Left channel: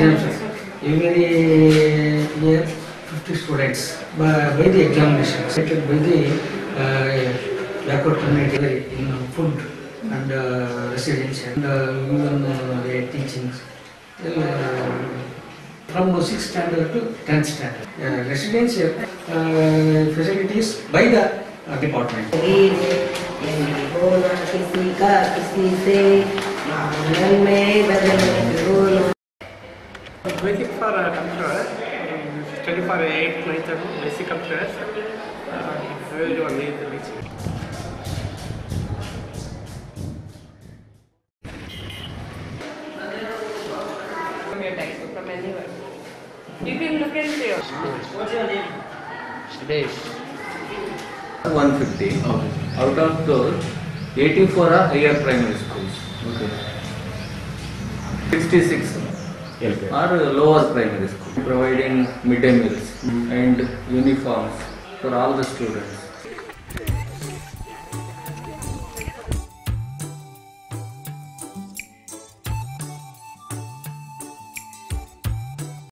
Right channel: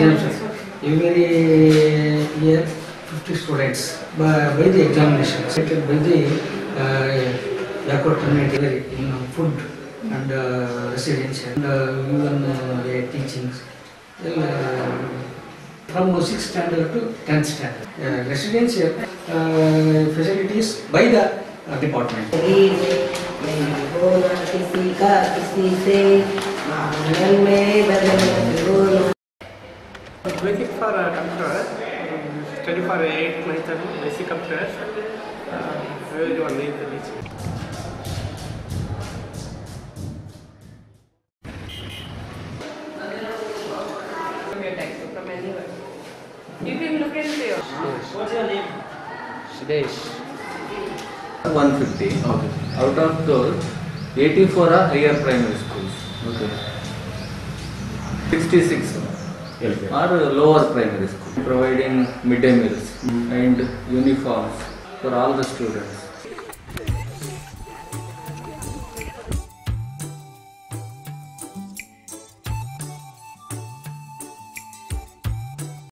exams. Every year 50 students by the examination selected by the backward community in food and residential and even teachings. From 6th standard to 10th standard. Residential facilities by the department. Basic for computer, study for 8th, 9th and basic computers, very one is reaching. From your textbook, from anywhere. You can look and see. What's your name? Sudesh. 150. Okay. Out of those, 84 are higher primary schools. Okay. 66 are lower primary schools, providing midday meals and uniforms for all the students.